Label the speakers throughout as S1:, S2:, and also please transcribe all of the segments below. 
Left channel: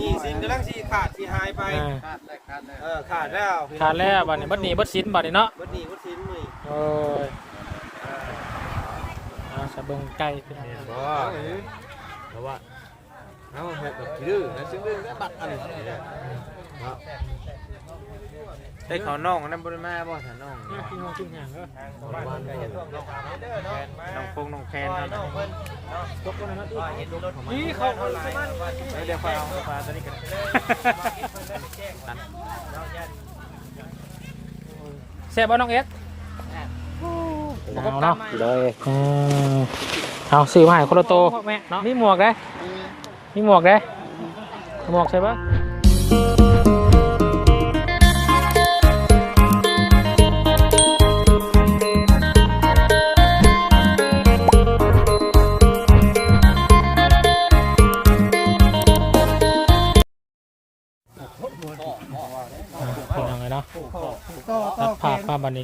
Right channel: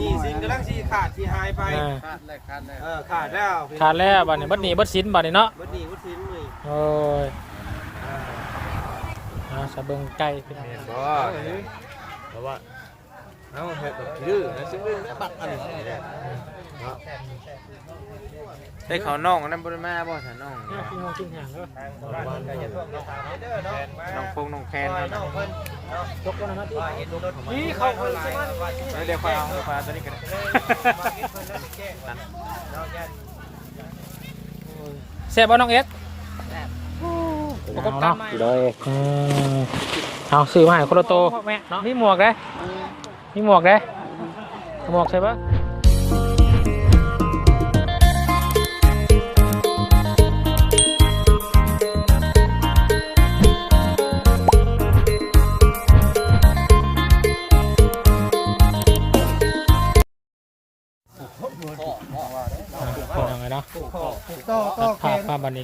S1: นี่สินกำลังสิขาดสิหายไป
S2: อ่า
S1: เออขาดแล้ว
S2: ขาดแล้วบัดนี้บัดนี้บัดสินบัดนี้เนาะ
S1: บัดนี้บัดสินนี่
S2: โอ้ยอ่าสะเบิงไก่พี่น้อง
S3: บ่เพราะว่าเอาเฮ็ดแบบดื้อนะซึ่งเรื่องบัตรอันนี้เนี่ยเนาะ
S1: ได้เขาน้องนั่นบ่ได้มาบ่ซะน้อง
S2: เนี่ยพี่น้องที่ห่างแล้ว
S1: บ้านก็จะท่วมน้องเด้อเนาะน้องพงน้องแคน
S2: น้องเพิ่นยกแล้วนะที่
S1: นี่เขาเพิ่นสิมาเดี๋ยวฟ้าฟ้าตัวนี้เป็น
S2: แซ่บบ่น้องเอ็กประกบกันอืมเอาซื้อมาให้คนละโตมีหมวกนะมีหมวกนะหมวกใช่ปะ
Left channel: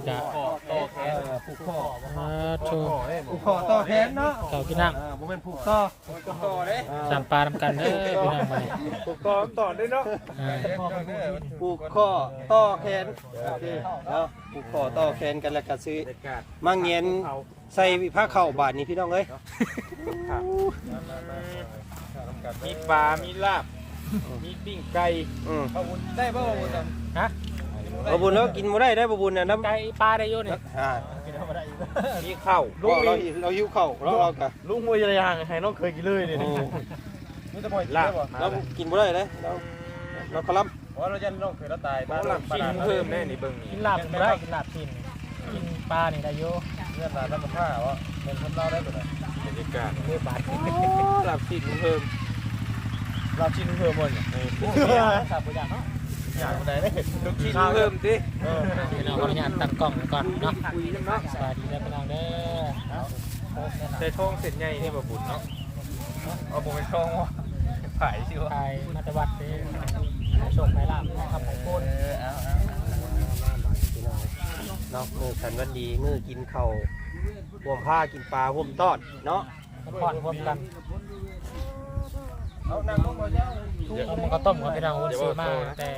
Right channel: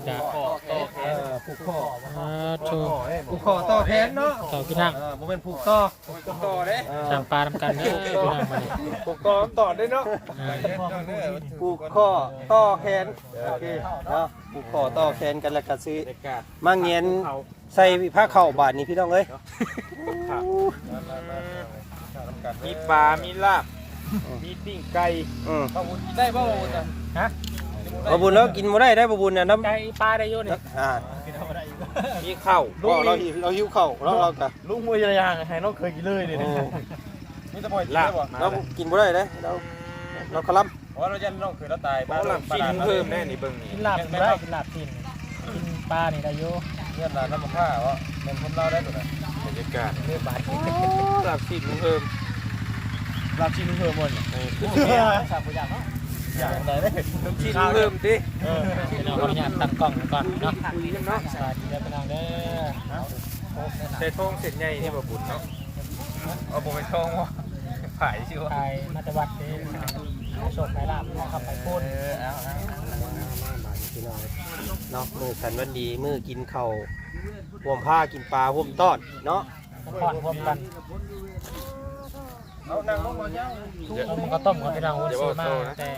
S2: ภาพภาพบรรยากาศ
S1: ต่อแขนผูกคอ
S2: อ่าโชว์
S1: ผูกคอต่อแขนเนาะ
S2: เต่ากินนั่ง
S1: เออบ่แม่นผูกต่อผูกต่อเด้
S2: สามปลาทำกันเด้อพี่น้องไป
S1: ผูกต่อต่อได้เนาะ
S2: อ่า
S4: ผูกข้อต่อแขนโอเคเนาะผูกข้อต่อแขนกันแล้วก็ซื้อมาเงียนใส่ผ้าเข่าบาทนี้พี่น้องเอ้ย
S1: มีปลา มีลาบ มีปิ้งไก่
S4: อืม
S1: ได้บ่บ่เนี่ย
S2: ฮะ
S4: บะ บุญแล้วกินบ่ได้ได้บะบุญน่ะน้ำ
S2: ไก่ปลาได้อยู่นี่
S4: อ่า
S1: มีข้าว
S4: ก็เราเราหิวข้าวเราเราก็
S1: ลุงมวยยางให้น้องเคยกินเลยนี่
S4: อืม
S1: มีแต่บ่อยลาบ
S4: เรากินบ่ได้เด้เราเราคลำ
S1: เพราะเราจะน้องเคยเราตายบ้านเรากินเพิ่มแน่นี่เบิ่ง
S2: กินลาบกินได้กินลาบกินกินปลานี่ได้อยู่
S1: เงียบแล้วน้ำมันผ้าว่าเป็นคนเราได้บ่บรรยากาศ
S2: เลือบาท
S1: ลาบชิ้นเพิ่มลาบชิ้นเพิ่มหมดเนี่ยเออ
S2: สาบอย่างเนาะ
S1: อย่างใดได้ลูกชิ้นเพิ่มดิ
S2: เออพี่น้องขออนุญาตตั้งกล้องไว้ก่อนเนาะคุยกันเนาะสวัสดีครับพี่น้องเด้อ
S1: ใส่ทองเสร็จใหญ่ให้บ่บุญเนาะเอาบ่ไปทองว่ะผายสิวะ
S2: ไทยมาตวัดเด้อโชคไทยลาบนะครับไปพูด
S4: เนาะมือขันวันดีมือกินข้าวห่วมผ้ากินปลาห่วมตอดเนาะ
S2: พอดรวมกัน เอามันก็ต้มกับพี่น้องวุ้นซื้อมาแต่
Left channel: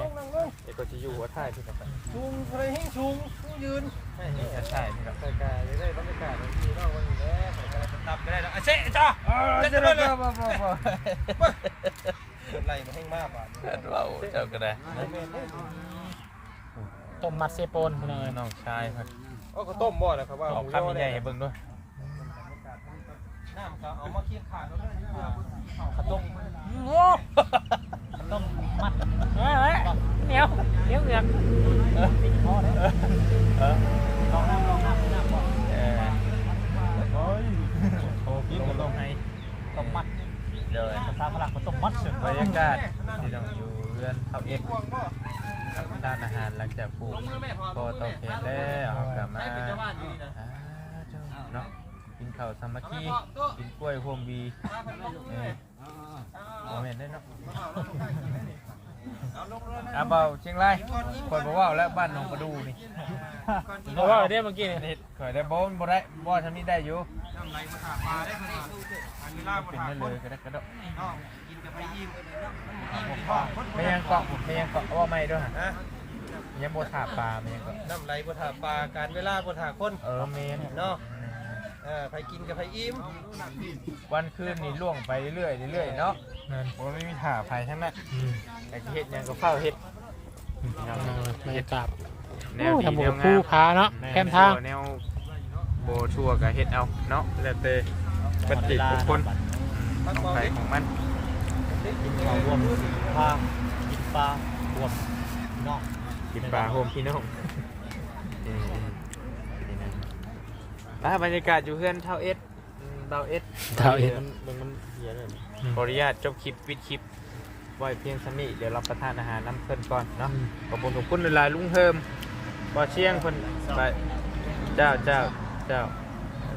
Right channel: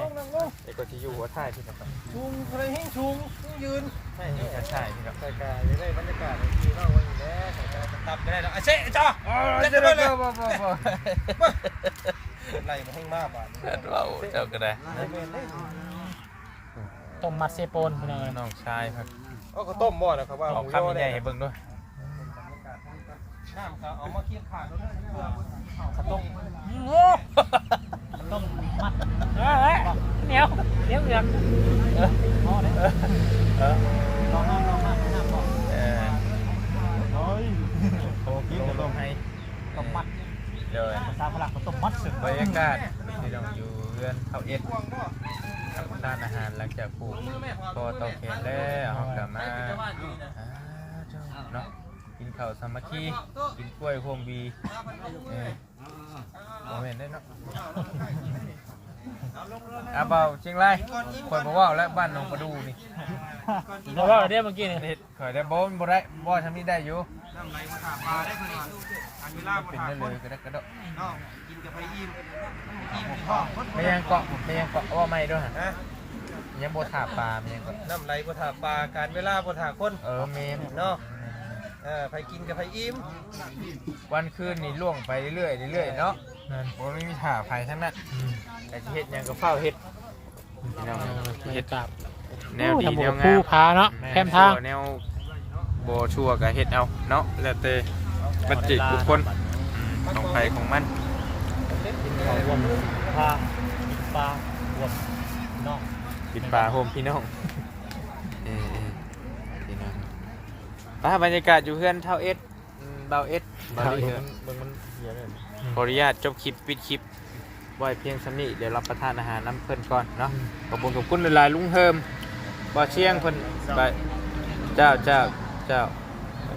S1: ไอ้ก็ที่อยู่หัวท้ายที่กับไป
S4: ชุงอะไรให้ชุงยืน
S1: ไม่มีกระชายที่กับ
S4: ใส่กาอยู่ได้บรรยากาศดีเนาะวันนี้แหละใส่กา
S1: ตับได้แล้วไอ้เซ่จ้าเล่นไปเลย
S4: ไล่มาให้มากบาทนี้
S1: เราเจ้าก็ได้
S2: ต้มมัดเซโปนพี่น้อง
S1: น้องชายครับ
S4: ก็ต้มบ่อนะครับว่า
S1: เอาคำใหญ่ให้เบิ่งด้วย
S4: น้ำครับเอามาเคี่ยงขาดแล้วเลย
S2: ข้าวต้มต้มมัดเฮ้ยเหนียวเหนียวเหนียวพอแล้วลองน้ำลองน้ำน้ำบอก
S1: เออโอ้ยโอ้กินจะลงให้
S2: ต้มมัด
S1: เดี๋ย
S2: ภาษาฝรั่งเขาต้มมัดสุด
S1: บรรยากาศที่เราอยู่เรือนเท่าเอ็ดทำทานอาหารหลังจากปลูกพอเตาแข็งแล้วเอากลับมาเนาะ กินข้าวสามัคคีกินกล้วยโฮมวีเออโมเมนต์ได้เนาะอาเบาเชียงรายคอยบอกว่าแล้วบ้านหนองประดูนี่
S2: เพราะว่าเดี๋ยวเมื่อกี้นี่
S1: เฮ็ดคอยได้บ่มันบ่ได้บ่ทำนี้ได้อยู่
S4: น้ำไหลมาถาปลาได้เพิ่นว่าอันเวลามา
S1: เป็น
S4: ถา
S1: ได้
S4: ค
S1: เล
S4: น
S1: ยกระดักกระดก
S4: เนาะกินกับไปอิ่มอิ่มที่ท้องคน
S1: ไม่ยังเกาะไม่ยังเกาะว่าไม่ด้วยฮะ
S4: ฮะ
S1: ยังบ่ถาปลาไม่ยังเกาะ
S4: น้ำไหลมาถาปลาการเวลามาถาคน
S1: เออเมน
S4: เนาะ เออไปกินกับไปอิ่ม
S1: วันคืนนี่ล่วงไปเรื่อยๆเรื่อยๆเนาะ
S2: นั่น
S1: โอ้ไม่มีถาไฟทั้งนั้นแต่สิเฮ็ดหยังก็เฝ้าเฮ็ด
S2: บรรยากาศ
S1: แนวดี
S2: ทำบุ
S1: แน
S2: ก
S1: ว
S2: คู่
S1: งาม
S2: พาเนาะแคมทาง
S1: แนวบ่ชั่วก็เฮ็ดเอาเนาะแล้วแต่ปัจเจกบุคคลอืมของใครของมัน
S2: กินข้าวรวมพากินปลารวมนอก
S1: กินปลาโฮมพี่น้องเออพี่น้อง อ่าบรรยากาศอยู่เพื่อนเท่าเอสอืมเบาเอส
S2: เท่าเอ็ด
S1: มันมันมันเหียเลยขออนุญาตจบคลิปปิดคลิปไว้เพียงสนี้เดี๋ยวรับประทานอาหารน้ำเพิ่นก่อนเนาะขอบคุณขอบคุณเวลาลุงเฮิมบ่เชียงเพิ่นไปเจ้าเจ้าเจ้า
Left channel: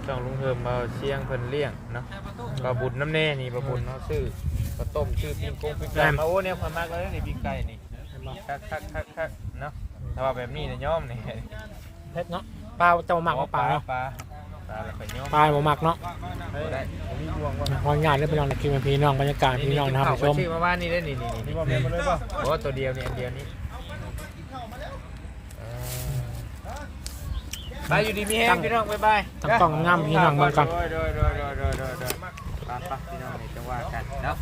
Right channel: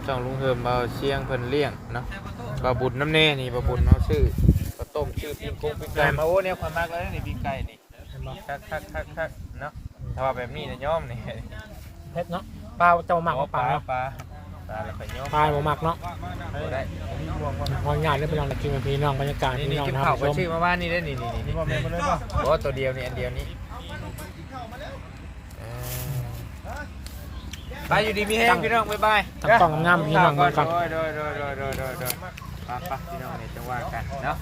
S1: ช่องลุงเฮิมบ่เชียงเพิ่นเลี้ยงเนาะบ่บุญน้ำเน่นี่บ่บุญเนาะชื่อข้าวต้มชื่อปิ้งกุ้งปิ้งไก่มาโอ้เนี่ยความมากเลยนี่ปิ้งไก่นี่คักคักคักคักเนาะถ้าว่าแบบนี้เนี่ยย่อมนี่
S2: เพชรเนาะปลาเจ้าหมาก
S1: อ๋อ
S2: ว่าปลา
S1: ปลา ตายแล้วไปย่อม
S2: ตายบ่มักเนาะ
S1: ได้
S2: มองงานได้เป็นน้องกินเป็นพี่น้องบรรยากาศ
S1: นี่
S2: พี่
S1: นี่
S2: น้อง
S1: กิน
S2: นะค
S1: ข้า
S2: รั
S1: ว
S2: บ
S1: ก็
S2: ชม
S1: ชื่อมาบ้านนี่ได้นี่นี่นี่โอ้ตัวเดียวนี่อันเดียวนี้เออไปอยู่ดีมีแห้งพี่น้องบ๊ายบาย
S2: ตั้งกล้องงามๆพี่น้องเบิ่งก่อน
S1: โดยโดยโดยโดยโดยโดยโดยไปไปพี่น้องนี่จังหวะกันเนาะ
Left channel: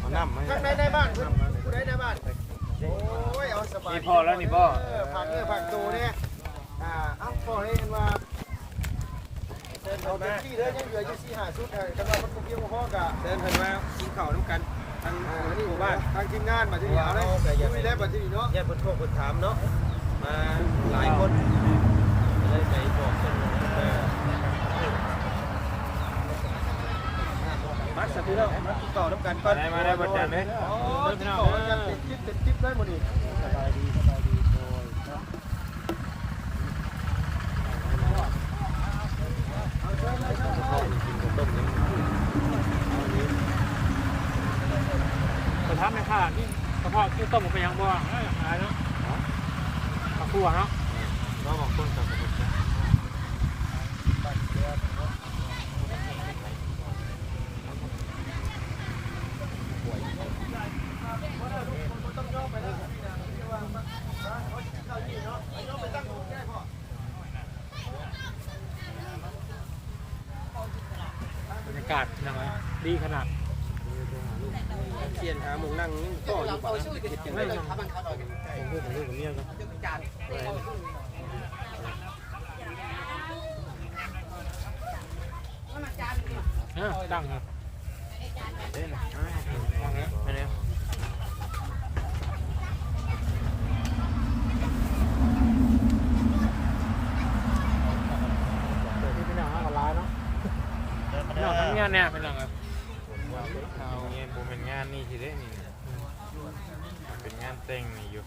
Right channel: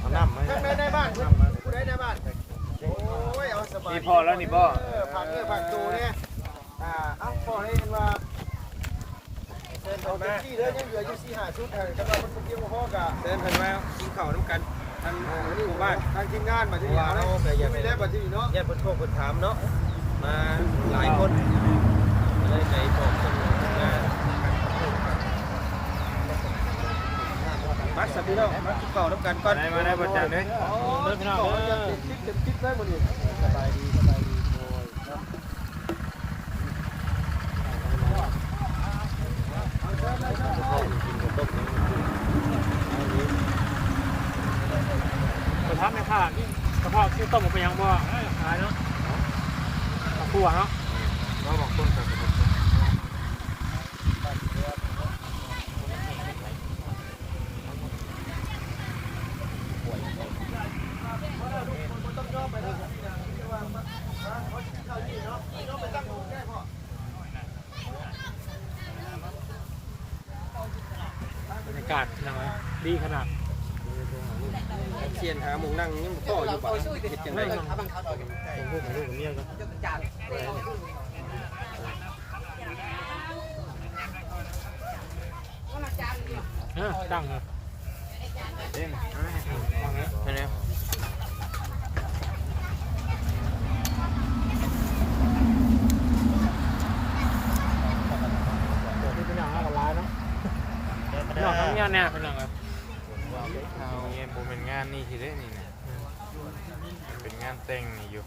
S1: เอาน้ำมา
S4: ได้ได้บ้านผู้ใดได้บ้าน โอ้ยเอาสบาย
S1: นี่พอแล้วนี่บ่
S4: ผักเนื้อผักตูเนี่ยอ่าเอ้าพอเลยกันว่าเดินเอาเต็มที่เลยยังเหลืออยู่สี่ห้าชุดเลยสำหรับมันเป็นเพียงพ่อกะเดินกันมากินข้าวน้ำกันทางนี่หมู่บ้านทางทีมงานมาที่นี่นะมีแล้วมาที่นี่เนาะแยกคนโคคนถามเนาะมาหลายคนเลยใจบอกกันว่า มาสักทีแล้วมากินข้าวน้ำกันก่อน
S1: ได้มาได้บ่จันเด้อ
S4: อ๋อ
S1: เด้อ
S4: พี่น้
S1: น้
S4: อ
S1: องง
S4: เด้
S1: เด้
S4: อ
S1: อ
S4: คลิปคลิปได้หมดเลยสบายดีสบายดีโอ้ยเนาะ
S1: พ่อกินกับต้มยังเอาอยู่
S2: ไปทำในข้านี่กระเพาะที่ต้มมันเป็นยังบ่ขายเนาะข้าวคั่วเนาะ
S1: เราบอกต้นกับผม
S2: บรรยากาศยังไงดีขนาด
S4: เสียนหาหมูนั่งยังต่ออยู่ป่ะเฮ็ดจังได๋
S1: ผมพูดกับลูกกับเมียก็
S2: เออ ดังเลย
S1: เล่นไม่ได้
S2: เดี๋ยวที่พี่น้องเอากับร้ายเนาะพี่น้องทำงานเนี่ยเป็นยังไง
S1: ว่าเขาเนี่ยผมเป็นงานนี่ทีเด้นี่เป็นงานแต่งนี่อยู่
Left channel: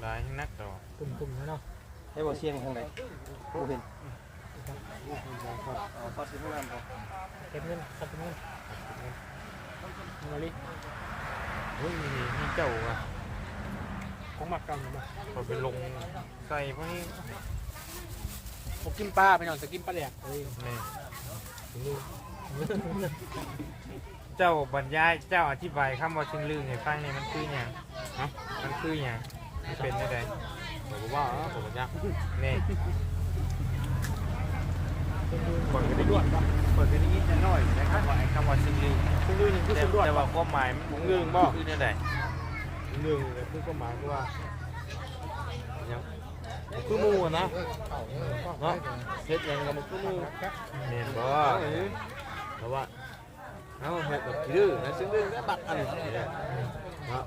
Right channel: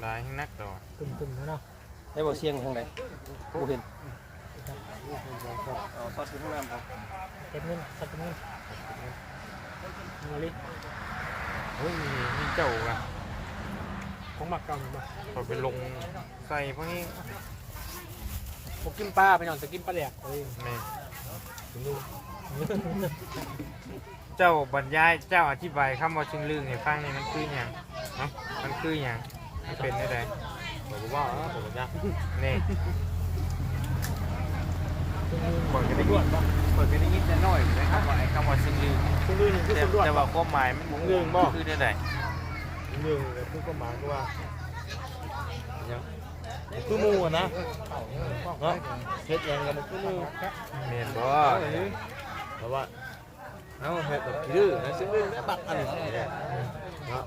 S1: หลายนักดอก
S2: ตุ่มๆเนาะ
S4: ได้บ่เสียงทางใดบ่เห็น
S2: เก็บเงินตัดเงินมาลิ
S1: เฮ้ยนี่เจ้าอะ
S2: ของหมักเก่าอยู่บ่
S1: พอไปลงใส่พวกนี้
S2: ผมกินปลาไปนอนจะกินปลาแดกเลย
S1: นี่เจ้าบรรยายเจ้าอธิบายคำว่าชึงลือให้ฟังเนี่ยมันคือหยังฮะมันคือหยังมันเป็นไม่ได้บอกว่าผมจะนี่
S2: เปิดไปด่วนปะ
S1: เปิดเป็นนิดๆหน่อยๆนะครับว่าไอ้คำว่าชึงลือ
S2: คุณลื่นคือสุดด่วน
S1: แต่ว่าความหมายมันเรื่งบ่คือเนี่ยไหน
S2: หนึ่งแต่คือก็หมายก็ว่าคือมูนะเนาะเฮ็ดยังกับมันคือมู
S1: เมนบ่
S3: เพราะว่าเอาเฮ็ดแบบดื้อนะซึ่งดื้อแล้วบักอันนี้เนี่ยเนาะ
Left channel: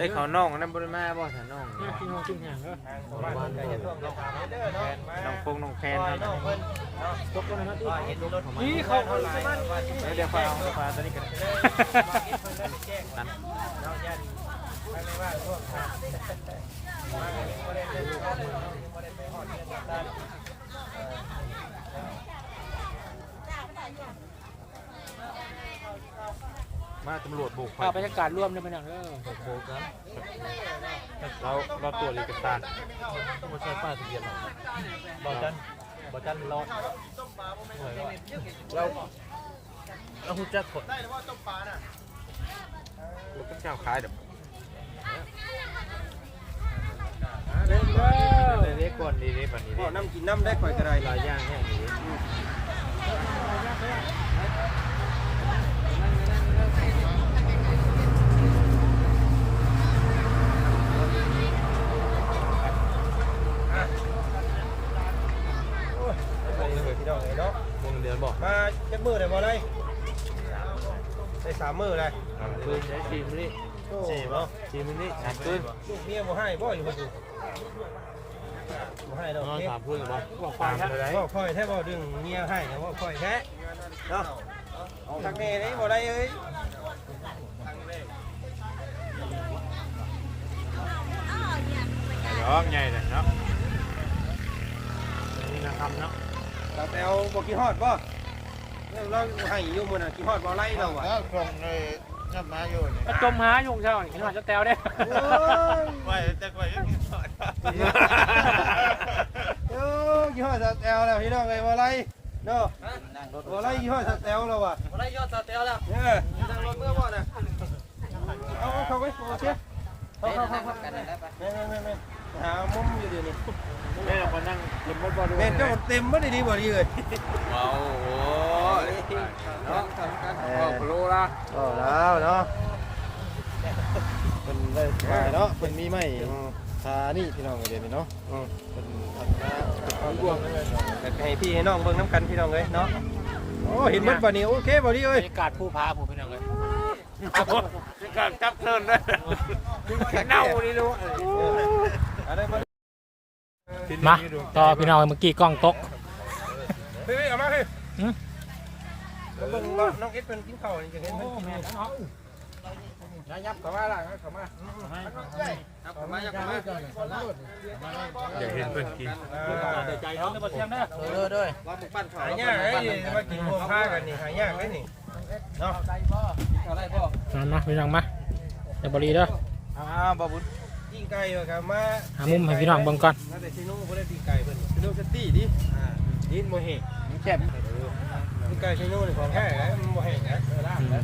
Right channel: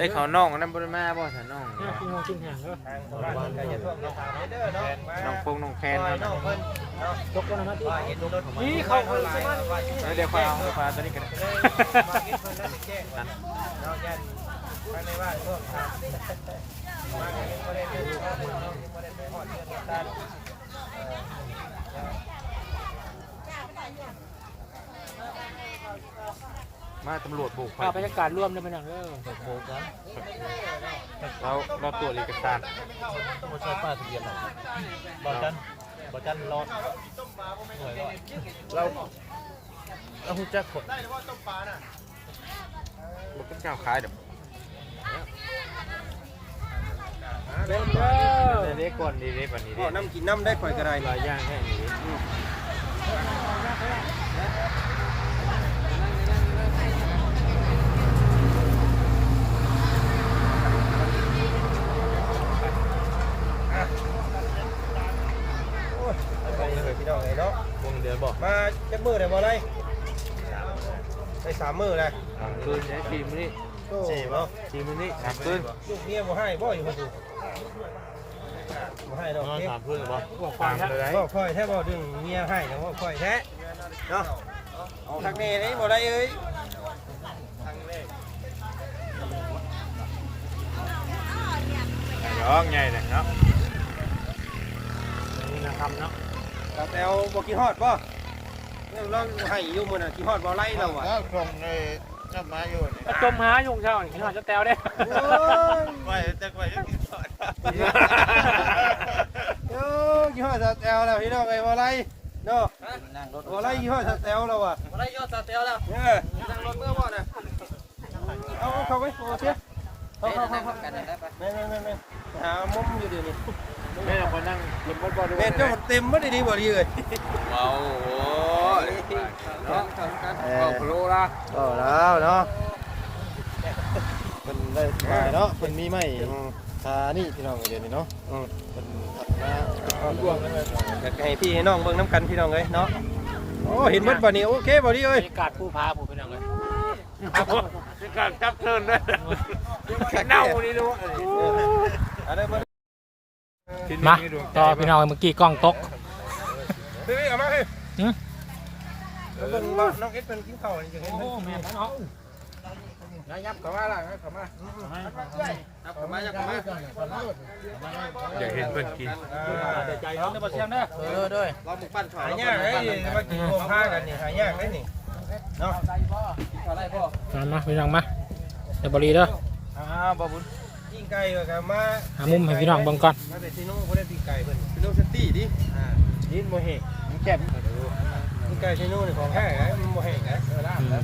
S1: ได้เขาน้องอันนั้นบ่ได้มาบ่สันน้อง
S2: เนี่ยพี่น้องกินห่างก็
S4: บ้านก็อย่าท่วมอย่าถามเด้อเนาะ
S1: น้องพงน้องแคน
S4: ปล่อยน้องเพิ่น
S2: ยกแล้วนะที่
S4: เห็นรถของมัน
S2: นี่เขาเพิ่น
S4: หลา
S2: ส
S4: ย
S2: มาน
S4: ว่า
S1: เดี๋ยวฟ้าเดี๋ยวฟ้าจะได้เป็น
S4: เลยมากินเพิ่นแล้วแจ้งกันเนาะยันภายในบ้านพวกทางมาก็ยังบ่ได้เดินเข้ามาเนาะยังบ่ได้ไปฮอดเรือนตันเอ่อ
S1: มาตำรวจบุก
S2: ภาพบรรยากาศร่วมเลยเป็นอย่างเด้อ
S1: โบกันเราเราตรวจเอกสาร
S3: บ่ใช่ป้ายทะเบียนหรอกบ่จันบ่จันรอดหน่วยรอดเราเราฮู้จักคน
S1: บุกเจ้าขายเดี๋ยว
S2: เด้อ
S1: เด็กก่อนดีเด็กแบบนี้
S4: พ่อน้ำกินน้ำได้ข่อยก็ได้
S1: หลายอย่างแค่นี้
S4: ไปเลย พี่น้องเอ้ยเนาะ
S3: วงเดือนบ่
S4: มาจักมื้อได้บ่ได้ได้สามมื้อเลย
S1: คืนคืนนี้
S4: โอ้
S3: สี่บ่
S1: คืนนี้แอบคืน
S4: ลูกเมียบ่ให้บ่อยู่บ่ดูบ่ให้ดอก
S3: นอน
S4: เมีย
S3: สามพื้นบ่
S2: พวกควาย
S3: เลยได้
S4: บ่ค่อยแท้บ่ดึงเมียให้นะบ่ค่อยแท้เนาะเอาทางนี้นี่บ่ได้เอ้ย
S1: ร้องไงเนี่ยเนาะ
S2: นี่นะครับเนาะ
S4: แต่แปวบ่กินฮอดบ่เรื่องเราให้อยู่มื้อน่ะกินฮอดบ่ไล่เราอะ
S3: แล้วตรงในกลับมาอยู่นี่
S2: จะจมหาอยู่เช้านี่หน่อยจะแตวเด้
S3: ไปแต่ไปยังกินข้าว
S4: เออยี่ห้อสแตลแล้วพี่น้องไอ้บ่ไรเนาะบ่ไรยี่ห้อสแตลแล้วอะ
S2: บ่ได้ยอดสเตลแล้ว
S4: เออนั่งรถเมื่อบ่น่ะเอาเข้าไปโอเค เข้าเข้าเข้าเข้านั่งๆๆๆหามุมอยู่ดีนี่
S1: แม่มานั่งเก็บบ่บ่ดู
S4: แม่เจ้ามันเต็มบ่ได้ดีบ่ดีเลย
S1: เอาโอ้ยเนาะเอาโปรละ
S4: เอาแล้วเนาะเพิ่นได้ขายเนาะเพิ่นมีไม้คานี่พี่น้องเดี๋ยวนี้เนาะเพิ่นพัฒนาเป็นความรวมอยากให้พี่ให้น้องเบิ่งน้ำกันพี่น้องเอ้ยเนาะโอ้เห็นเบิดบ่นี่โอเคบ่ดีเอ้ย
S2: กาศผู้พาผู้เป็นยังไง
S1: การจับเทินเลย
S2: เน่านี่รู้
S4: อะไรบ่
S2: มาต่อพี่น้องเมื่อกี้กล้องตก
S4: เฮ้ยเอามาเฮ้ย
S2: หืม
S4: แล้วเบิ่งว่าน้องเอ็ดเพิ่นกินข้าวนี่จะเห็นเพิ่นกินนี่
S1: นะยับเข้ามาล่ะเข้ามา
S4: ครับเข้ามายักเข้ามา
S1: เดี๋ยวเห็นเพิ่นกิน
S4: อ่า
S2: ใจร้อนได้บ่เชียงเด้อ
S1: เออด้วย
S4: เราหมึกปั้นข้าวหายากเอ้ยมากินพวกผ้ากันนี่หายากเลยนี่เนาะ
S2: มามาพี่น้องมาเดี๋ยวบรีเด้อ
S1: อ้าบ่บุญ
S4: ปิ้งไก่ก็ครับมา
S2: หามุมให้พี่น้องเบิ่งก่อน
S4: มาแต่ซิโน่บ่ได้ปิ้งไก่เพิ่นซิโน่สตี้ดิอ่าดินบ่แห้ง
S1: มึงเจ็บ
S4: ปิ้งไก่ซิโน่นี่ของแท้นะมันบ่แห้งนะเออลาบ
S2: อื
S4: นะ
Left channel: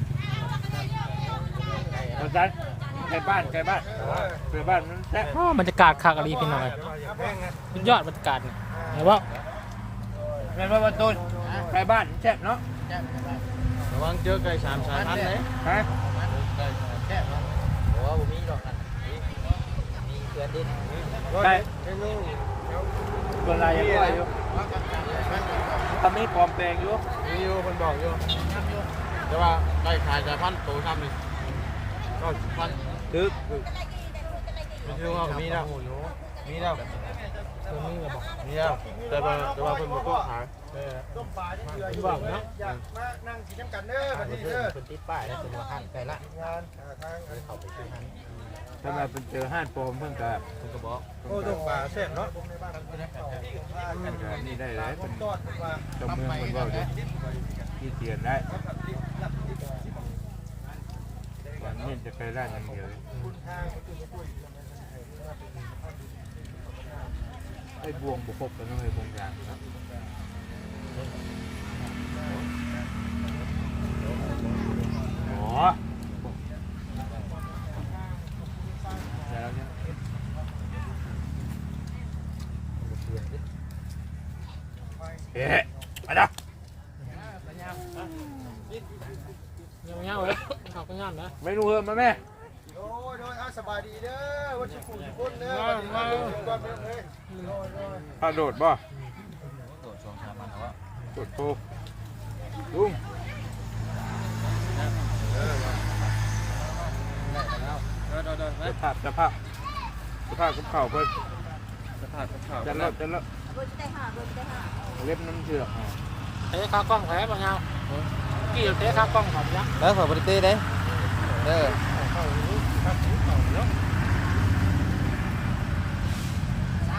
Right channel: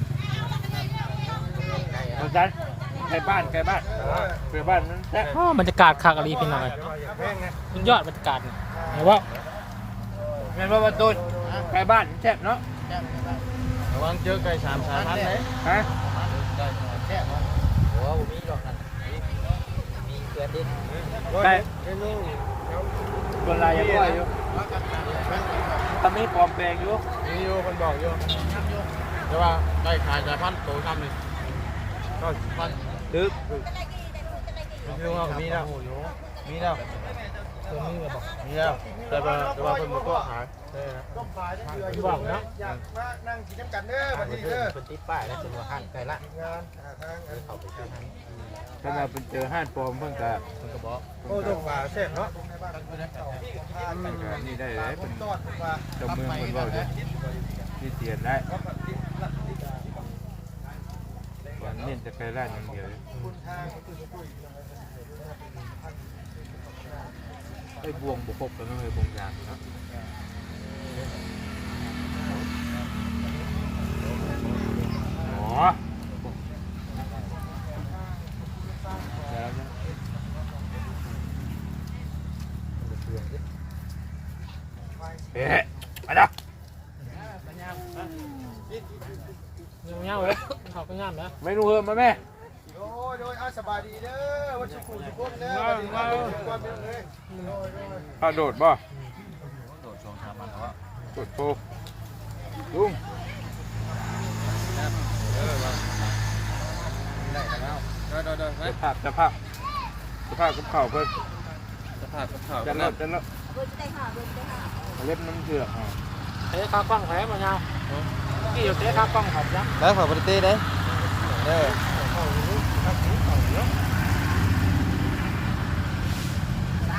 S2: ม
S1: มันจันไก่บ้านไก่บ้านเพื่อบ้านนั้นแท้
S2: อ๋อบรรยากาศคักอะไรพี่น้องเอ้ย
S4: เดี๋ยวว่าอย่าแพงนะ
S2: สุดยอดบรรยากาศนี่เห็นบ่
S1: ไงบ่บ่ตูนไก่บ้านแซ่บเนาะ
S3: ระวังเจอไก่สามสายพันธุ์เลย
S1: ฮะ
S4: ไก่ซิโน่นี่เนาะ
S1: ตัวลายยังปล่อยอยู่ทำให้ปลอมแปลงอยู่
S4: มีอยู่เพิ่นบอกอยู่
S3: แต่ว่าได้ขายสายพันธุ์โตทำนี่ก็พัน
S1: ตึก
S3: มันคือว่ามีแล้ว มีแล้ว
S4: ตัวนี้ก็บอก
S3: มีแล้วแต่ว่าแต่ว่าเป็นหมดตัวขาย
S4: ต้มปลาที่เดืออยู่อยากมานั่งกินน้ำกันเด้อบัดนี้เด้อ
S1: เป็นติดป้ายแล้วเป็นว่าห้างไก่ละ
S4: งานหาทางอัน
S1: ถ้าเราเป็นเจอห้างปลอมเพิ่นก็เพิ่นก็บอก
S4: โอ้ต้มปลาแซ่บเนาะ
S1: นี่ได้เลยเป็น
S4: ตอดปลา
S1: จ้าเมืองคนว่าเด้มีเตียนได้วันนี้จะไปร้านอย่างเดียวเลยไอ้บวงบุกบแล้วน้องไอ้บวงยางนะอ๋อเดี๋ยวเนี่ยเอ๊ะมาจ้ะ
S2: เงาๆเลยเขาก็งามนะ
S1: ไม่รู้เพิ่มมาแม่
S4: โอ้ยโดยอาสบายดีเด้อวันชุกุทุกคนเด้อวันนี้มาดูก่อนเลยา
S1: โดดบ่
S3: โตสองสามพันแล้ว
S1: โดดโตลุง
S3: ได้แล้วได้ได้ได้
S1: จะภาพจะภาพจะภาพกับเข่าเพิ่น
S3: สภาพข้าว
S1: จะลดจะลดเล็บน้ำเชือกอ๋อ
S2: เตะขากล้องแท้บ่เงาเมื่อกี้เตะขากล้องครับจ้ะ
S3: แล้วฝากบริเต้ได้เออ
S4: เข้ารู้ทักรู้เข้าเนาะ
S2: ส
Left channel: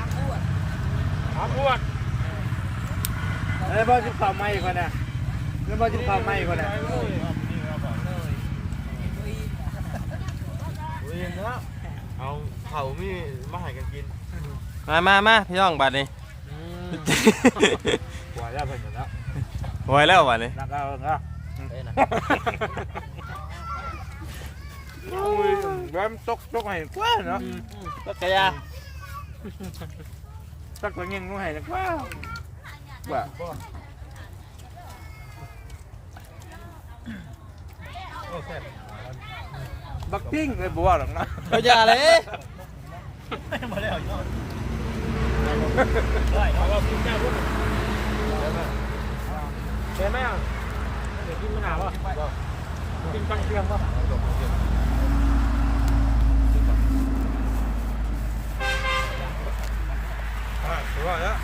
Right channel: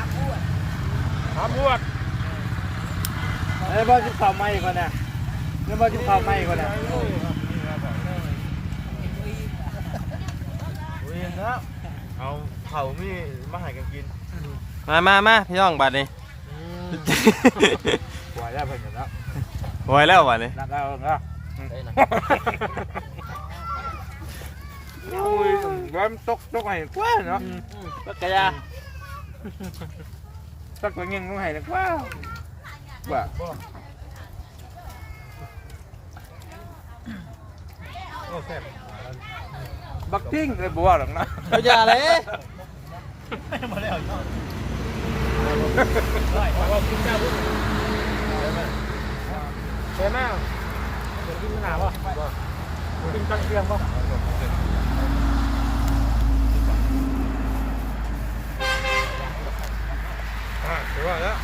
S2: ามพ วก
S1: เอ้ยบ่จิเข่าไม้ก่อนนะเอ้ยบ่จิเข่าไม้ก่อนนะ
S3: เอาเขามีมาให้กันกิน
S5: มามามาพี่น้องบัดนี้
S1: หัวแล้วเพิ่นอยู่แล้ว
S5: ไว้แล้วบัดนี้
S1: นักเอาเนาะโอ้ยแรมตกตกให้กว่าเนาะ
S2: ก็กระยา
S1: ตักตัวเงี้ยงให้กว่าว่า
S4: โอ้แซ่บ
S1: บักทิ้งเลยบ่ว่าหรอกนะ
S5: ไม่อ
S4: à đúng rồi đó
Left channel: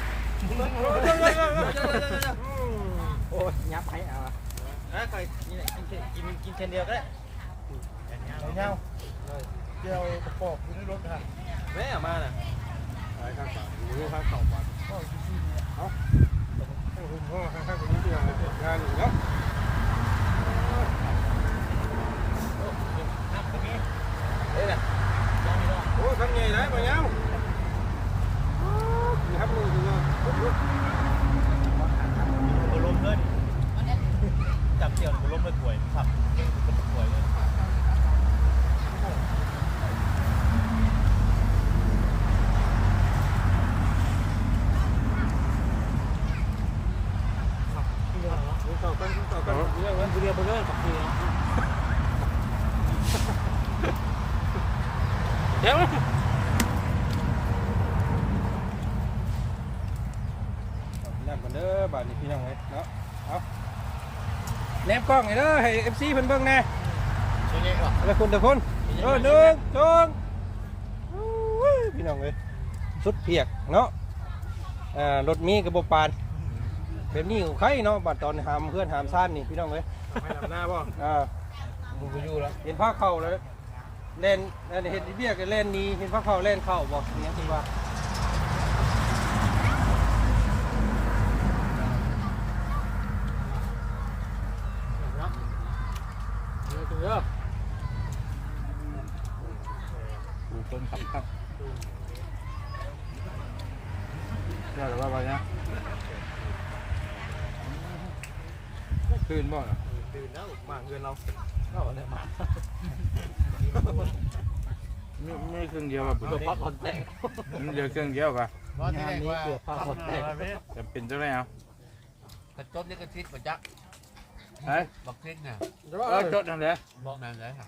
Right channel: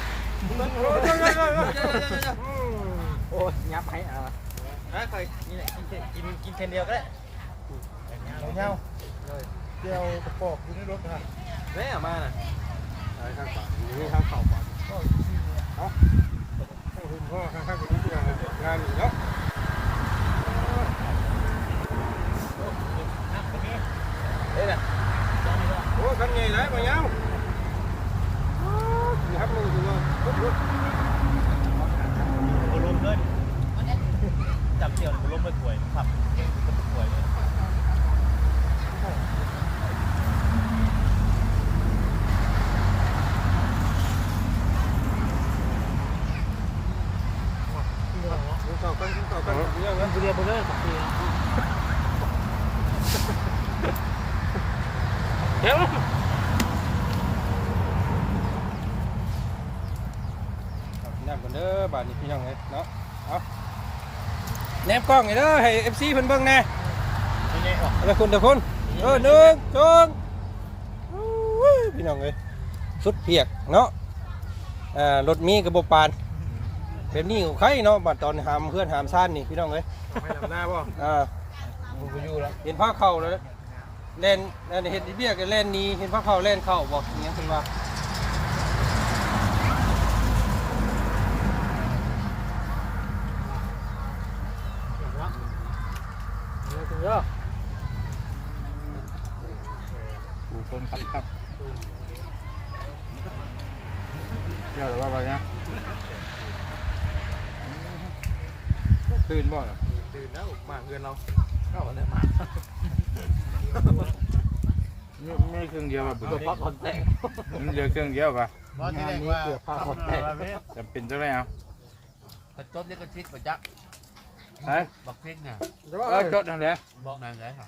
S4: ôi nhấp hay à đó thôi กินกิน
S2: เคนเดียวก็ได้เอา
S1: เงา
S4: เดียวกระปอกอยู่ในรถค่ะ
S3: แม่มาน่ะ
S1: ไปข้างปากอยู่ข้างเข่าปากเอา
S4: ข้างหุ่นพ่อข้างข้างนี้ที่เรางานอยู่เนาะนับคนนี้เอ๊ะน่ะยังไม่
S2: รอโอ้ข้างนี้ได้มาเงา ครับลุงถือว่า
S4: ครบรถขอถามครับโอ้ลมเลยจับเกี่ยวลมเลยป่วยครับ ล้องให้เด้อให้ FC เพิ่นเบิ่งแน่แล้วคุณทุกคนเออหนึ่งสองอู้ยพี่น้องเอ้ยสุดเปียกเนาะอ่ารถมีกระบบปานแบบนี้ของใครเนาะบัดตอนหามเพื่อนหามซ่านนี่พี่น้องเอ้ย
S1: ไม่ทำหน้าบ่
S4: อ่าผมก็อยู่แล้วเห็นผ้าเข่าแล้วเล่นเล่นเห็นเบี้ยก็เล่นนี้เห็นผ้าเข่าเล่นเข่าบอกอย่างเงี้ยคุณว่า
S2: ถึงเยอะ
S1: กูคนขับครับเดี๋ยวเราว่าไปนะ ตื่นบ่เนาะ
S4: ตื่นแล้วมาเงินเรา
S1: ก็วันนี้มาไม่ไม่เครื่องเดียวแบบบุญพักคนแตกมันเดียวเครื่องเดียวป่ะ
S6: บ่ที่แรกว่า
S1: พักคนแตกจะเป็นเท่าไหร่เอา
S6: กระต้นนี่ก็คิดบ่จัก
S1: เฮ้ย
S6: บักพริกน่ะ
S1: เออจดนั่นแหละ
S6: บอกนั่นได้ครับ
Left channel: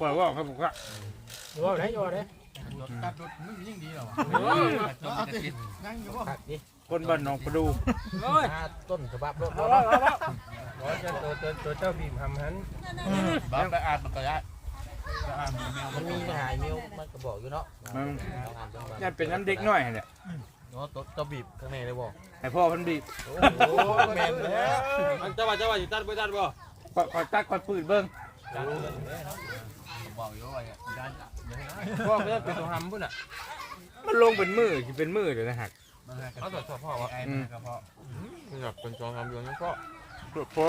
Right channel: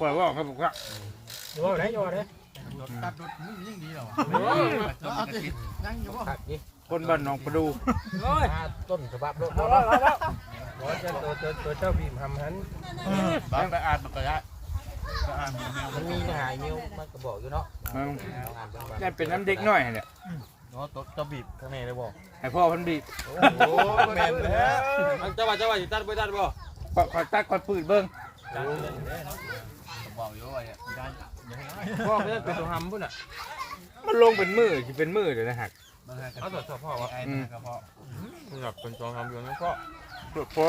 S1: ปล่อยว่าเขาบอกว่า
S2: โย่ได้โย่ได้
S6: รถตัดรถมึงยิ่งดีเหรอวะนั่งอยู่บ่
S1: คนบ้านหนองประดู
S2: โอ้ย
S6: ต้นฉบับรถ
S2: เอาแล้วเอาแล้ว
S4: บอกว่าจะตัวตัวตัวเจ้าบีมทำหัน
S6: บ้านไปอ่านมันก็ได้
S3: มันมีหายมิวมันก็บอกอยู่เนาะ
S1: มัน
S3: เอาอ่านเบิ่งว่า
S1: นี่เป็นน้ำเด็กน้อยเนี่ย
S3: เนาะตัวตัวบีบข้างในเลยบอก
S1: ให้พ่อเพันบีบ
S4: โอ้แม่นแล้ว
S3: เจ้าว่าเจ้าว่าสิตัดบ่ตัดบ่
S1: คอยคอยตักคอยปืนเบิ้ง
S6: บอกอยู่ว่าด้าน
S3: พ่อเพิ่นเป็นตัวหำพุ่นน่ะ
S1: มันลงเป็นมือที่เป็นมือเดี๋ยวนะฮัก
S3: เอาตรวจสอบพ่อว่า
S6: ไอ้มันก็เพราะ
S3: เพิ่นแบบเป็นตัวหำอยู่นี่พ่อ
S1: พอ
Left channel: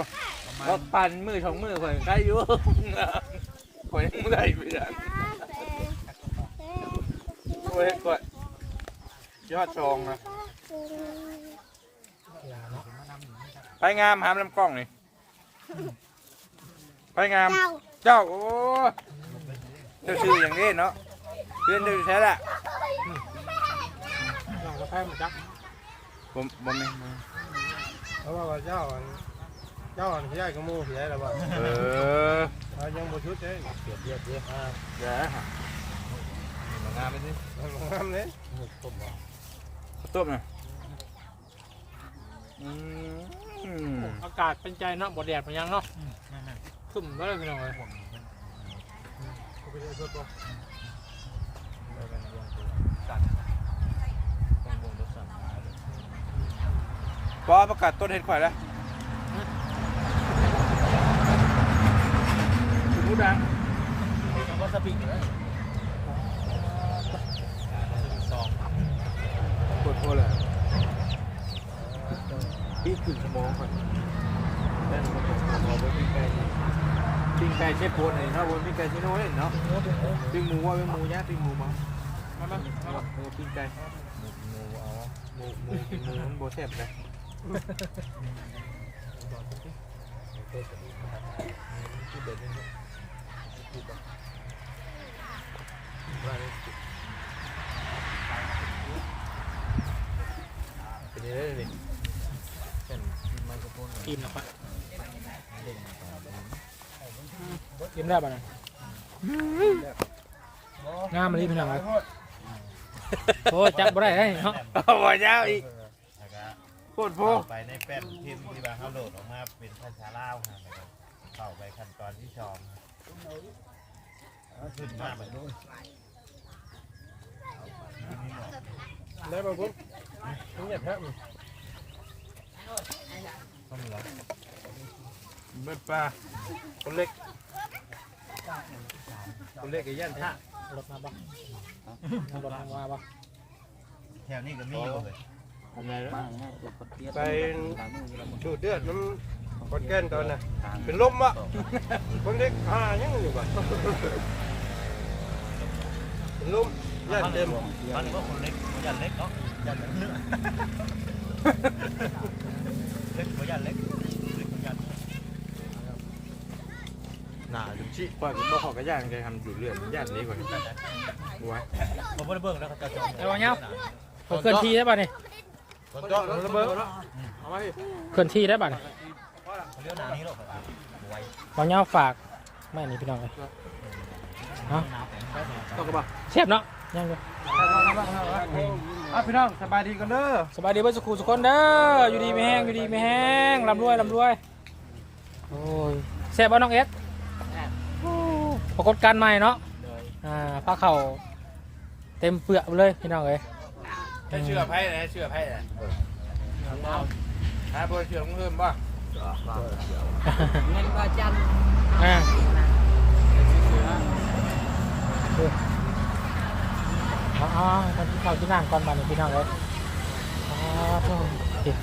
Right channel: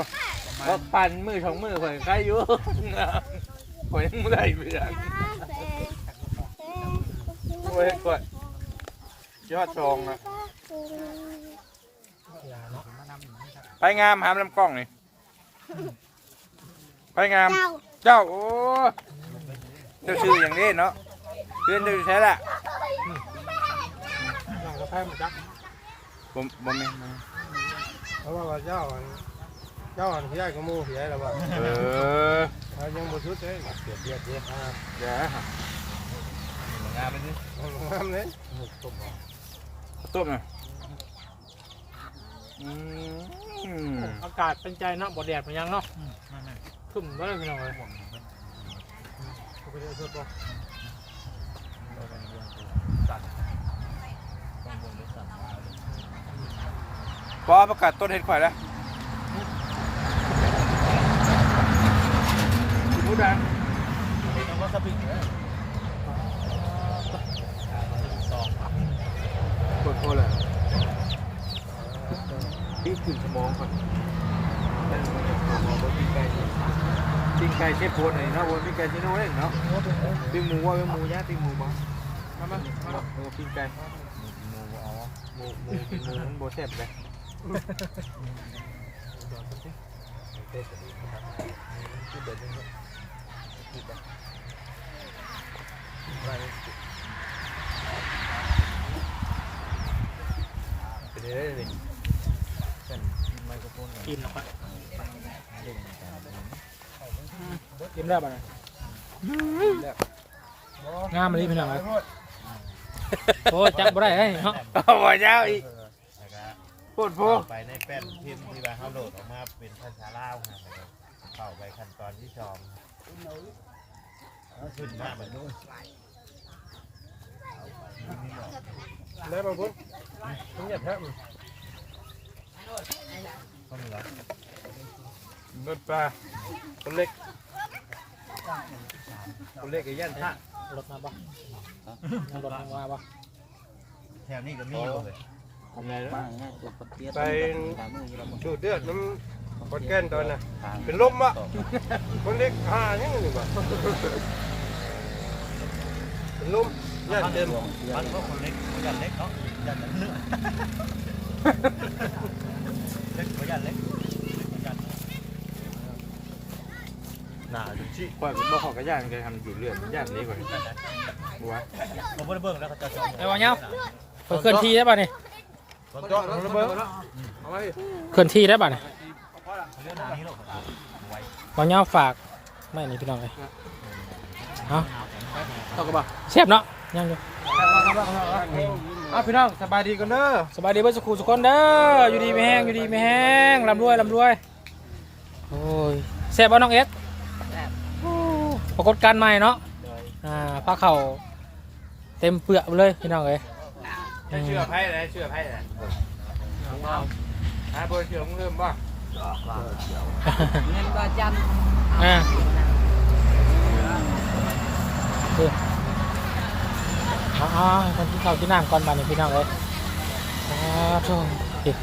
S1: ว่าปั่นมือสองมือคอยใครอยู่คอยยังไม่ได้เพื่อนโอ้ยกดยอดจองนะไปงามหามลำกล้องนี่ไปงาม เจ้าโอ้เจ้าชื่ออย่างนี้เนาะเพื่อนดูใช่ละ
S2: เราก็ใช้มาจัก
S1: ผมผมไม่
S4: เพราะว่าเจ้าอันเจ้าอันที่ได้กระมูที่ได้แล้วว่า
S1: เออ
S4: เขายังบ่ชุดเด้เปรียบเทียบเด้อ่า
S1: เดี๋ยวฮะ
S3: งานมันนี่
S4: มันงามเลย
S3: ต้มบ่
S1: ต้มหน่อยอืม
S2: อากาศเป็นใจเนาะบ่แดดเป็นยังเนาะขึ้นไว้เลยพี่น้องเลย
S1: พอประกาศต้นเห็ดข่อยแล้วคุณผู้ดัง
S3: ยังว่าสปิกอยู่เลย
S1: ปวดโคเลยพี่ขึ้นสมองก่อนเต้นมาจากพอบนปิ้งไก่ปิ้งไก่เชฟโพนไหนเนาะบนปิ้งไก่ชิโน่เล่นเนาะปิ้งหมูว่าปิ้งหมูย่างปิ้งหมูบ้างมามามาหมูปิ้งไก่หมูเอาหมูหมูกินหมูมันโบแซ่บเลย เป็นยังไงเลย
S2: อิ่มนะครับอิ่มได้
S1: ก็ปวดโพ
S6: เข้าไปในแป้นพิมพ์ที่ว่าเขาโหลดออกมาเป็นภาษาลาวครับเข้าไปขั้นตอนที่ชองขึ้นมาแบบนู้น
S4: ได้บ่พุ่นมึงอย่าแพ้มึง
S1: เบ็ดปลาคนเล็กคนเล็กไอ้ยันท่าร
S2: ถมาปะนั่งรถมาปะ
S6: แถวนี้ก็มีอยู่เลย
S1: อะไรแล้ว
S4: ไป ชูดเดือดน้ำคนแก่นตอนน่ะ เป็นลมอะ คนเล็กหายังนี่บ่เป็นลมย่านเต็ม
S6: มันก็คนเล็กคนยันเล็กเนาะยันเล็กเล็กคนยันเล็กเล็กคนยัน
S3: หน้าจริงชิ
S1: ก่อนผมบอกขอกระยานกันทำอยู่เรื่อยมันยานนี้ก่อนบัว
S6: ผมไม่ได้เบิ่งแล้วเขาจะจอง
S2: ไอ้วันเนี้ยเคลื่อนที่ได้ป่ะเนี่ย
S3: ต้น จ้องระเบิด
S2: เคลื่อนที่ได้ป่ะเนี่ยบางเงาฝากไม่นี่พี่น้องเลยเอา
S3: ตกกระบะ
S2: เสียบเนาะยังอยู่
S3: อะพี่น้องสบายดีกันเด้อ
S2: สบายดีเพื่อนสุขุสุขคนเด้ออยู่ดีไม่แห้งอยู่ดีไม่แห้งลำรวยลำรวยโอ้ยเสียบเอาน้องเอสโอ้ปรากฏการณ์ใหม่เนาะอ่าผ้าเข่าเต็มเปลือกเลยพี่น้องเอ้ย
S1: ได้เชื่อไพ่เลยเชื่อไพ่เลยหาเบอร์เชื่อมึงเพิ่มป่ะ
S7: เงินก็จัน
S2: อ่าเอาเอาคนที่เขาที่น้ำก่อนบานนี่พี่น้องเลยอ๋อโถ่นี่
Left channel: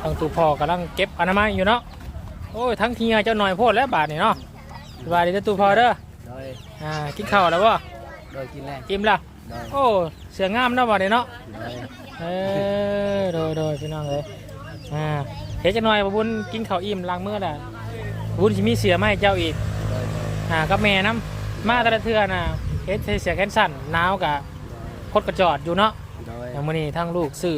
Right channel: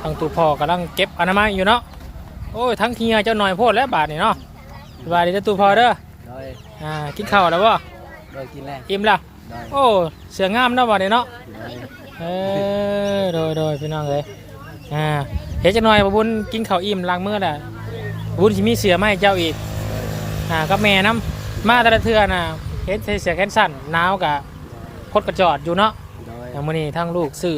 S2: ทางตูพ่อกำลังเก็บอนามัยอยู่เนาะ โอ้ย ทั้งเทียเจ้าหน่อยโพดแล้วบาทนี่เนาะสบายดีเด้อตูพ่อเด้อ
S7: โดย
S2: อ่า กินข้าวแล้วบ่
S7: โดยกินแล้ว
S2: อิ่มแล้ว
S7: โดย
S2: โอ้เสืองามเนาะบาทนี่เนาะ
S7: โดย
S2: เออโดยโดยพี่น้องเลยอ่าเดี๋ยวจะหน่อยบบุญกินข้าวอิ่มล้างมือน่ะบุญสิมีเสือมาให้เจ้าอีก
S7: โดยโดย
S2: อ่ากับแม่น้ำมาแต่ละเทื่อน่ะเฮ็ดใส่เสือแขนสั้นหนาวกะคดกระจอดอยู่เนาะ
S7: โดย
S2: อย่างมื้อนี้ทั้งลูกซื้อ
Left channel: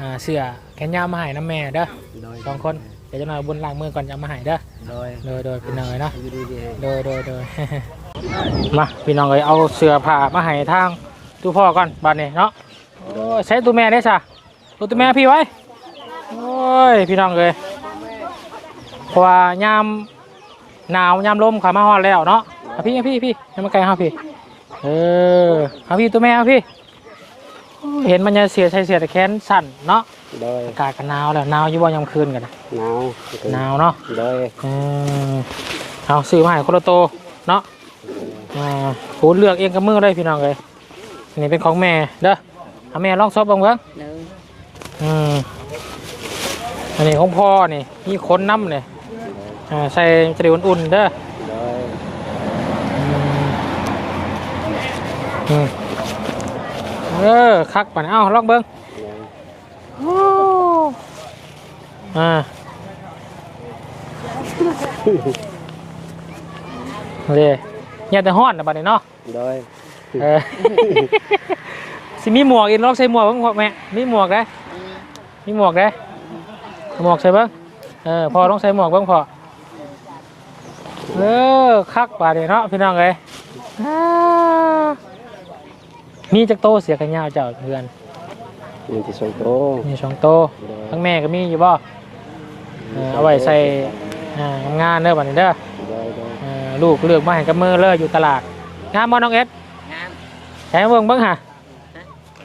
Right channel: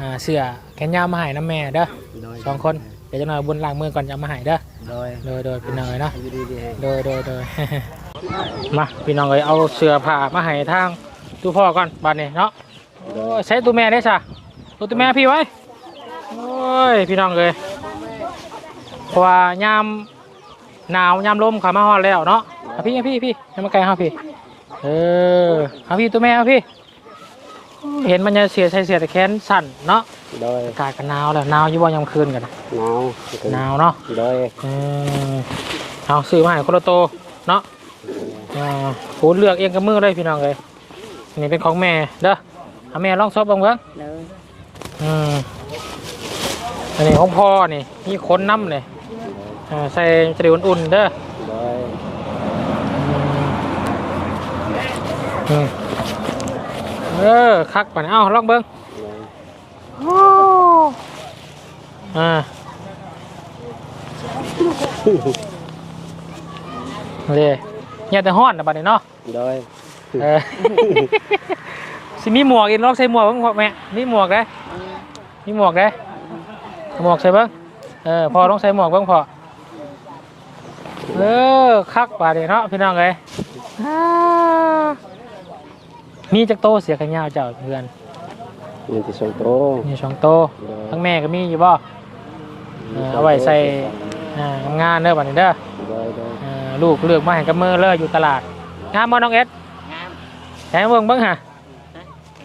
S2: อ่าเสือแขนยาวมาให้น้ำแม่เด้อ
S7: โดย
S2: สองคน เดี๋ยวจะหน่อยบุญล้างมือก่อนจะเอามาให้เด้อ
S7: โดย
S2: โดยโดยพี่น้องเลยเนาะ
S7: อยู่ดีดี
S2: โดยโดยโดย มาพี่น้องเลยเอาเสือผ้ามาให้ทางตู้พ่อก่อนบัดนี้เนาะโอ้ยใช้ตัวแม่นี่ซะตัวตัวแม่พี่ไว้โอ้ยพี่น้องเลยเพราะว่ายามหนาวยามลมขามาฮอดแล้วเนาะเอาพี่เอาพี่พี่ให้มาไกลเอาพี่เออเอาพี่ตัวแม่เอาพี่โอ้ยเห็นมันจะเสียใส่เสียแต่แขนสั่นเนาะ
S7: โดย
S2: อากาศก็หนาวแล้วหนาวอยู่บ่ยามคืนกัน
S7: หนาว
S2: หนาวเนาะ
S7: โดย
S2: อืมเอาซื้อมาให้คนละโตวเนาะ อ่าผูเลือกเองกับมือเลยพี่น้องเลยนี่เป็นของแม่เด้อเอาแม่ลองซบลองเบิ่งอืมอันนี้ของพ่อนี่มีขนน้ำนี่อ่าใส่จะได้อุ่นๆเด้ออืมอืมเออคักป่ะนี่เอ้าลองเบิ่งโอ้อ่าเลยเนี่ยแต่ห้อนนะบัดนี้เนาะ
S7: โดย
S2: เออ สิมีหมวกอีกลองใส่หมวกบ้างพ่อแม่มีหมวกนะมีหมวกนะหมวกใส่บ้างเออพอต้องใส่หมวกบ้างพอเออคักบาดนี้เนาะพี่น้องเลยอ่ามีจักโตเสียกันยาวเจ้าเพื่อน
S7: มีที่ส่งโต
S2: มีสองโตทั้งแม่ก็มีอยู่บ่เออเอาไว้ใส่อ่างานเด้อบัดนี้เด้อ
S7: โดยโดย
S2: เออ ลูกเลือกมาให้กับมือเลยอยู่ตลาดงามบ่น้องเอ็ด
S7: งาม
S2: แถมเบิ่งเบิ่งหะ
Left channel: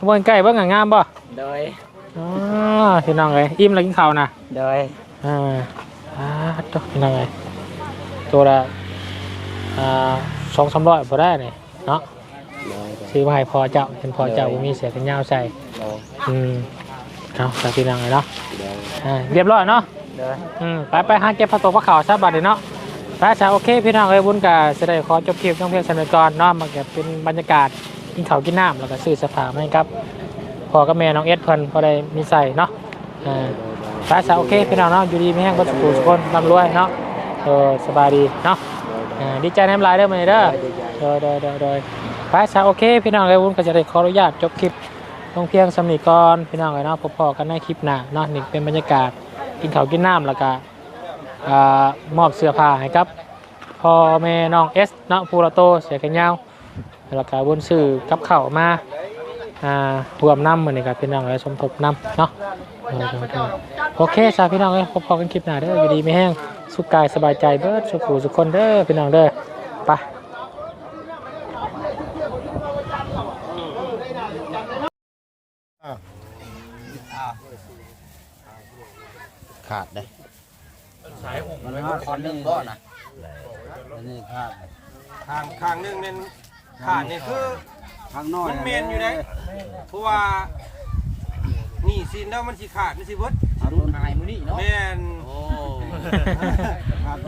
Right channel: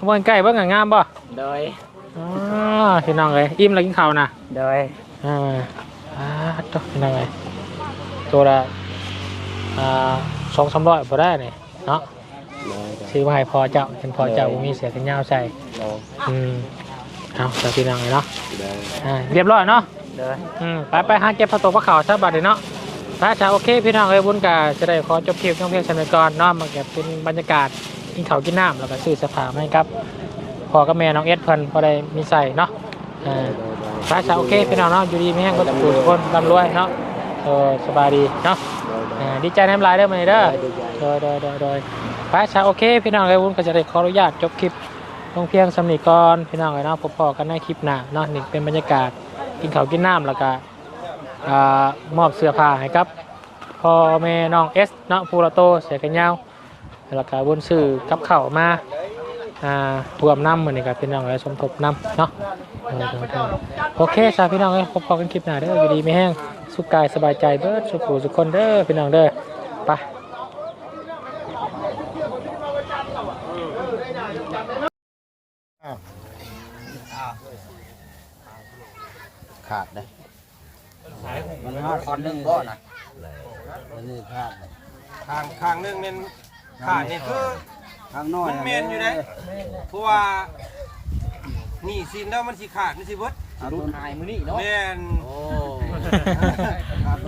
S2: เบิ่งใกล้เบิ่งหะงามบ่
S7: โดย
S2: อ๋อพี่น้องเอ้ยอิ่มแล้วกินข้าวนะ
S7: โดย
S2: อ่าอ่าตัวพี่น้องเอ้ยตัวละอ่าสองสามร้อยพอได้เลยเนาะ
S7: โดย
S2: ซื้อมาให้พอเจ้าเป็นพอเจ้าบ่มีเสียกันยาวใส่
S7: โดย
S2: อืมเอาใส่พี่น้องเลยเนาะ
S7: โดย
S2: อ่าเรียบร้อยเนาะ
S7: โดย
S2: อืมไปไปหาเก็บผักตบผักขาวซะบัดเดี๋ยวเนาะ ไปจ้าโอเคพี่น้องเอ้ยบุญกาจะได้ขอจบคลิปท่องเที่ยวชมก่อนเนาะมันก็บเป็นบรรยากาศกินข้าวกินน้ำแล้วก็ซื้อสื้อผ้ามาให้ครับพ่อกับแม่น้องเอสเพิ่นพอได้มีใส่เนาะอ่าไปจ้าโอเคพี่น้องเนาะอยู่ดีไม่แห้งก็สุขสุขคนร่ำรวยเนาะเออสบายดีเนาะดีใจน้ำลายได้ไหมเด้อโดยโดยโดยโดยไปจ้าโอเคพี่น้องเอ้ยบุญก็จะได้ขออนุญาตจบคลิปท่องเพียงสำนีก่อนพี่น้องเอ้ยเนาะพบพอกันในคลิปหน้าเนาะนี่เป็นบรรยากาศกินข้าวกินน้ำแล้วก็อ่า มอบเสื้อผ้าให้ครับพ่อแม่น้องเอสเนาะพูละโตเสียกันยาวแล้วก็บนสื่อกับเข่ามาอ่ารวมน้ำมือนกับพี่น้องเลยสมทบน้ำเนาะโอเคสาพี่น้องเลยพบกันคลิปหน้าเด้อดีไม่แห้งสุขกายสบายใจเด้อสุขหูสุขคนเด้อพี่น้องเด้อไป
S7: ขาดเลย มันขาดคนนึงบ่ล่ะอันนี้ขาด
S4: ทางทางหนึงเน้นขาดนี่คือ
S7: ข้างน้อย
S4: มันเมนอยู่ได้เพราะว่านี่สินแล้วมันสิขาดมันสิเบิด
S7: เอาต้นหายมือนี่เนาะ
S4: แม่น
S7: โอ้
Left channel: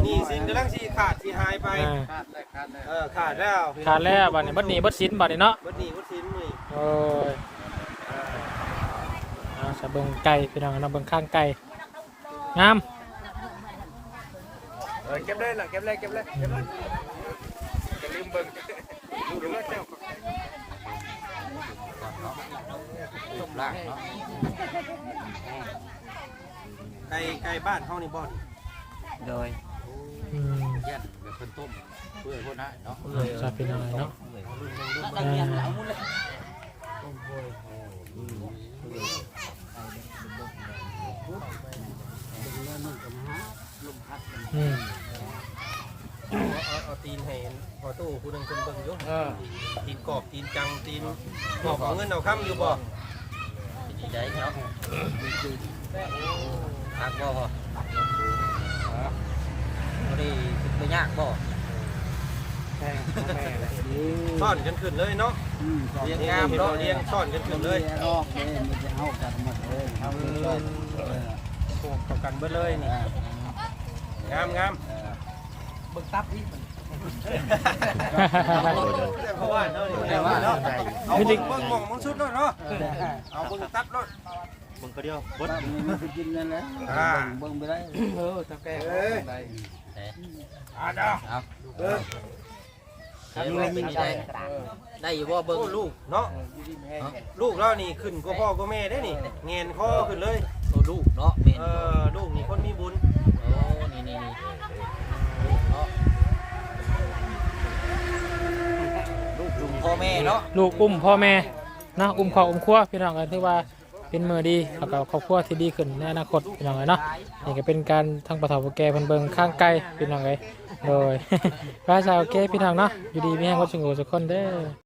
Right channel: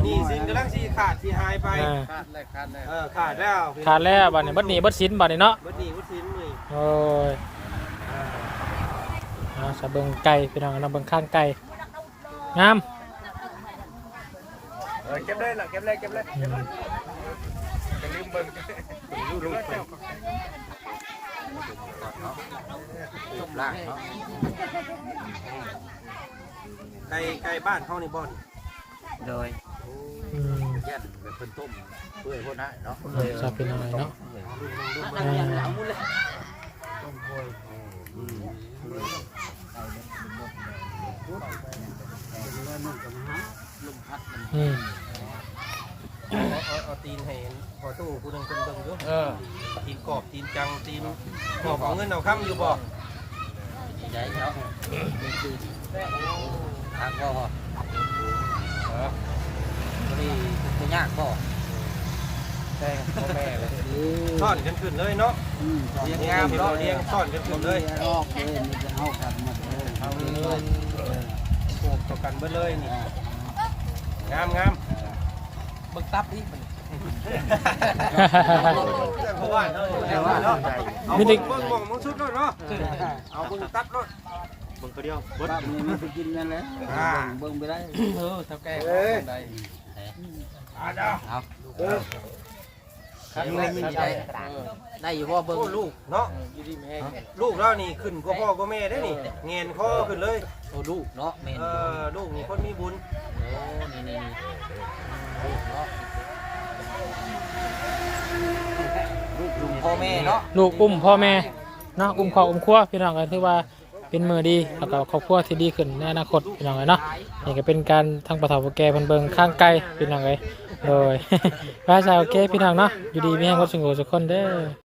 S4: นี่สินกำลังสิขาดสิหายไป
S2: อ่า
S4: เออขาดแล้ว
S2: ขาดแล้วบัดนี้บัดนี้บัดสินบัดนี้เนาะ
S4: เบิดนี่เบิดสินนี่
S2: โอ้ยเอาสะเบิงไก่พี่น้องเราเบิงข้างไก่งาม
S4: เออเก็บได้น่ะเก็บเลยเก็บเลย
S2: อืม
S4: อย่าลืมเบิ่งดูดูแล้วเจ้า
S7: ล่างเนาะ
S4: ไก่ไก่บ้านเฮานี่บ่อน
S7: โดย
S2: อืม
S7: แย่นเป็นคนต้มเพื่อคนให้เนาะ
S2: ครับพี่น้องเนาะอ่า อืม
S4: เอาตีนให้พอตู้ผู้นึงคนเบิ่งอยู่ตีนกอบตีนจังตีนกอบเอาเงินเอาค้ำอยู่บ่
S7: ดีใจเนาะทักบ่พอบ่ได้ทุกข์ยากบ่
S4: ซ่อนกันขึ้นเลยเนาะเรียงงามเนาะเรียงซ่อนกันขึ้นเลย
S7: ออกเลยมันจะเฮากันหมดเลยเฮาเลยก็
S4: โขกต่อกันเบิดเลยนี่ งามงาม
S7: บึกตับอีก
S4: เพราะว่าเนาะเนาะเนาะ
S2: มีแต่
S4: เบิ่งมองมึงชุดเลยเนาะเอาเบิ่งตัดเนาะ
S7: บ้านนี้มันไปกินนั่นแหละเบิ่งเบิ่งไปได้
S4: เออถ้าแก
S7: เอา
S4: เอ อ
S7: ได้อยู่บ่เบิ่ง
S4: โอ้ลูกเนาะลูกเรานี่ขึ้นกว่าพ่อกว่าแม่ได้นี่เงินคอขึ้นเลย
S7: โอ้ลูกเนาะแม่น
S4: เออลูกนี่คนมีบุญ
S7: โอ้นี่นี่นี่ลูกเนาะลูกลุงพ่อแม่เนาะ
S2: ลูกอุ้มพ่อแม่เนาะอุ้มครอบอุ้มครัวพี่น้องกันถือว่าเป็นมือดีแล้วก็ครอบครัวที่ดีขึ้นในอนาคตพี่น้องเลยเนาะนี่ก็เป็นการทั้งประถมแก่เพิ่นเบิ่งข้างไกลพี่น้องเลย โดยพระชาวแก่พี่น้องเนาะอยู่ดีมีแห้งวัดสงบสุขคนเด้อ